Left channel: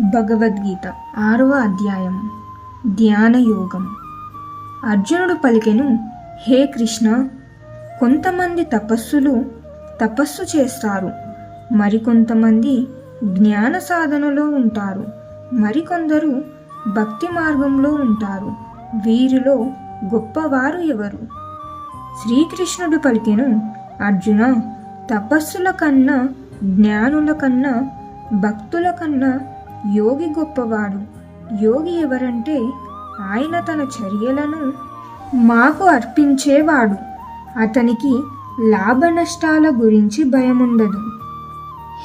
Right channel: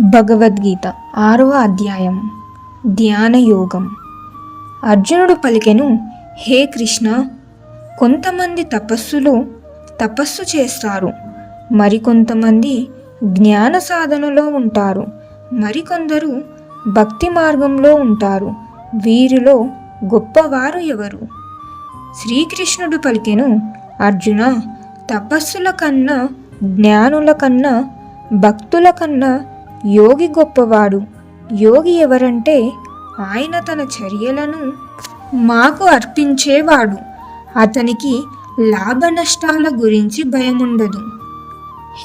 భగవద్గీత ఆరవ అధ్యాయం. ధ్యాన యోగం అర్జునుడు పలికెను హే కృష్ణ కొంతమంది తపస్సులో తపస్సు చేస్తారు. మరికొంతమంది జ్ఞాన సాధనలో ఉంటారు. మరికొందరు భక్తి మార్గంలో ఉంటారు. వీరిలో గొప్పవారు ఎవరు? శ్రీకృష్ణుడు పలికెను అర్జున తపస్సుల కన్నా జ్ఞానుల కన్నా భక్తుల కన్నా యోగి గొప్పవాడు. యోగి ఎవరంటే ఆయన తన చర్యలను మాకు అర్పించేవాడు. అతనికి లాభ నష్టాల గురించి భయముండదు.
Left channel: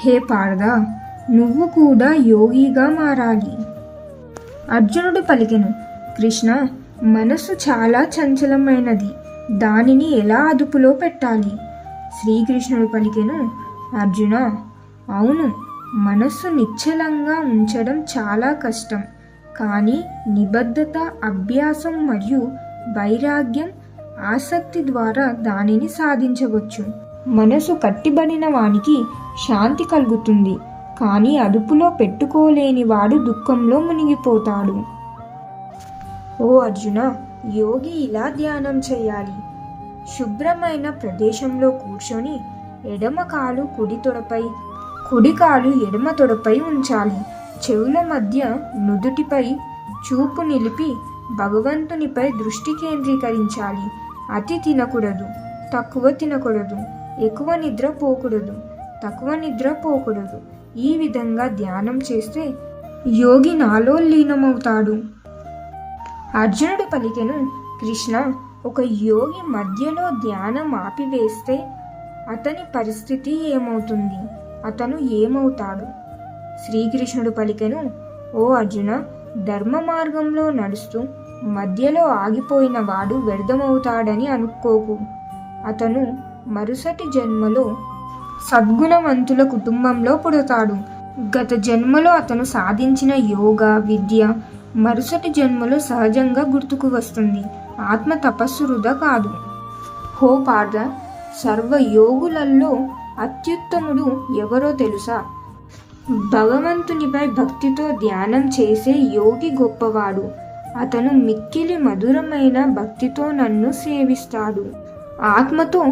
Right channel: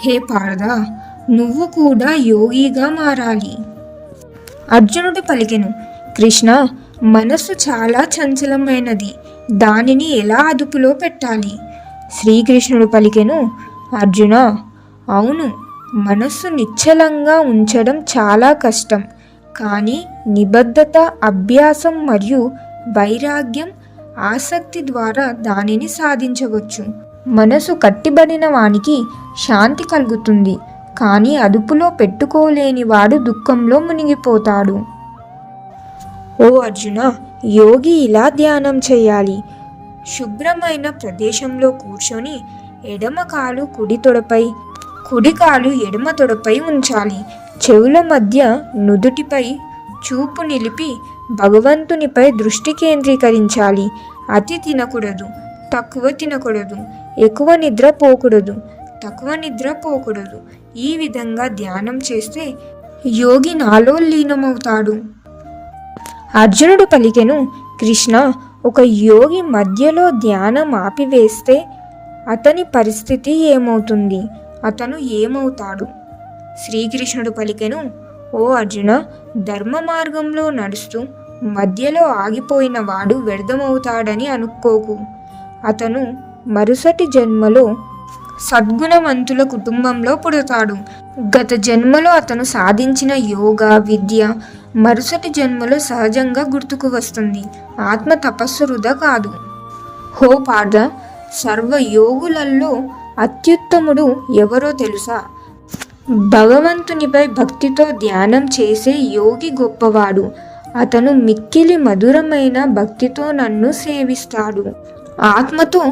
హే పారదా నువ్వు కూడా యోగిగా మారాలి. అర్జునుడు పలికెను కృష్ణ మనస్సు చాలా చంచలమైనది. దానిని ఎలా అదుపులో పెట్టాలి? శ్రీకృష్ణుడు పలికెను అర్జున అవును మనసు నిశ్చలంగా ఉంచడం చాలా కష్టం. కానీ నిబద్ధత అభ్యాసం మరియు వైరాగ్యం ఆసక్తి ద్వారా దానిని సాధించవచ్చు. మనసు కట్టిబడిన వానికి శాంతి కలుగుతుంది. కానీ అదుపులో పెట్టుకోలేని వాడు దుఃఖంలో మునిగిపోతాడు. ఓ అర్జున యోగి ఇలా ధ్యానం చేయాలి. శుభ్రమైన ప్రదేశంలో కూర్చొని ఎడమ కాలు కుడి తొడపై కుడికాలు ఎడమ తొడపై ఉంచాలి. చెవుల మధ్య నుదుటిపై చూపు నిలిపి భగవంతునిపై దృష్టి కేంద్రీకరించాలి. అతి తినకూడదు తక్కువ తినకూడదు ఎక్కువ నిద్ర పోకూడదు తక్కువ నిద్ర పోకూడదు. ఈ విధంగా ధ్యానం చేస్తే యోగి నాలో లీనమవుతాడు. అర్జునుడు పలికెను కృష్ణ ఒక యోగి మధ్యలో ధ్యానం ఆపివేస్తే అతని పరిస్థితి ఏమవుతుంది? అతను ఏమవుతాడు? శ్రీకృష్ణుడు పలికెను ఓ అర్జున ధర్మ మార్గంలో నడుస్తూ మధ్యలో ఆగిపోయిన వాడు వ్యర్థమవుతాడని అనుకోకు. అతను మరుసటి జన్మలో సద్గుణవంతుల కుటుంబంలో పుడతాడు. గత జన్మలో అతను సాధించిన యోగ విద్య మరుసటి జన్మలో సహజంగా గుర్తుకు వస్తుంది. ఆత్మ తపస్సు వృధా కాదు. హో పార్థ అత్యుత్తముడు ఎవరో తెలుసా? భగవంతునిపై భక్తితో ధ్యానం చేసే యోగి గొప్పవాడు. అతను మిక్కిలి మధురమైన భక్తితో నన్ను సేవిస్తాడు. ఆత్మతో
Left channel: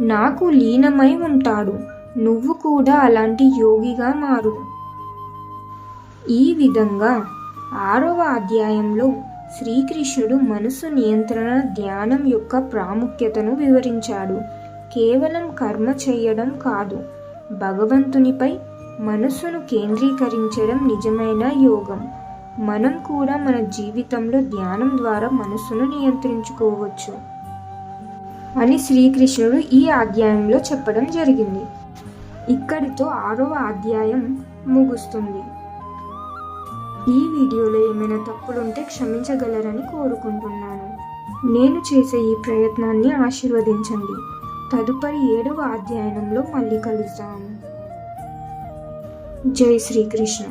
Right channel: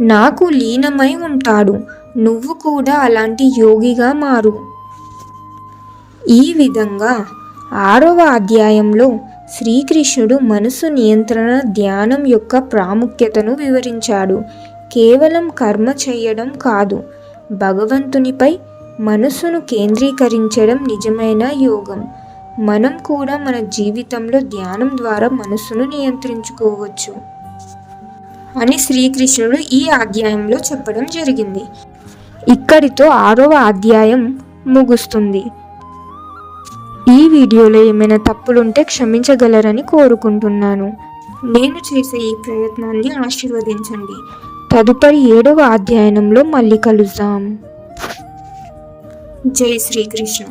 నాకు లీనమై ఉంటాడు. నువ్వు కూడా అలాంటి యోగిగా మారు. ఈ విధంగా ఆరవ అధ్యాయంలో శ్రీకృష్ణుడు మనసు నియంత్రణ ధ్యానం యొక్క ప్రాముఖ్యతను వివరించాడు. కేవలం కర్మ చేయడం కాదు. భగవంతునిపై మనసును కేంద్రీకరించడం నిజమైన యోగం. మనం కూడా మన జీవితంలో ధ్యానం ద్వారా మనసును నియంత్రించుకోవచ్చు అని శ్రీకృష్ణుడు ఈ అధ్యాయంలో చెప్పడం జరిగింది. ఇక్కడితో ఆరవ అధ్యాయం ముగుస్తుంది. ఈ వీడియోలో ఏమైనా తప్పులుంటే క్షమించగలరని కోరుకుంటున్నాను. నేను చేసే ఈ ప్రయత్నాన్ని ఆశీర్వదించండి. తదుపరి ఏడవ అధ్యయనంలో మళ్ళీ కలుద్దాం. జై శ్రీకృష్ణ.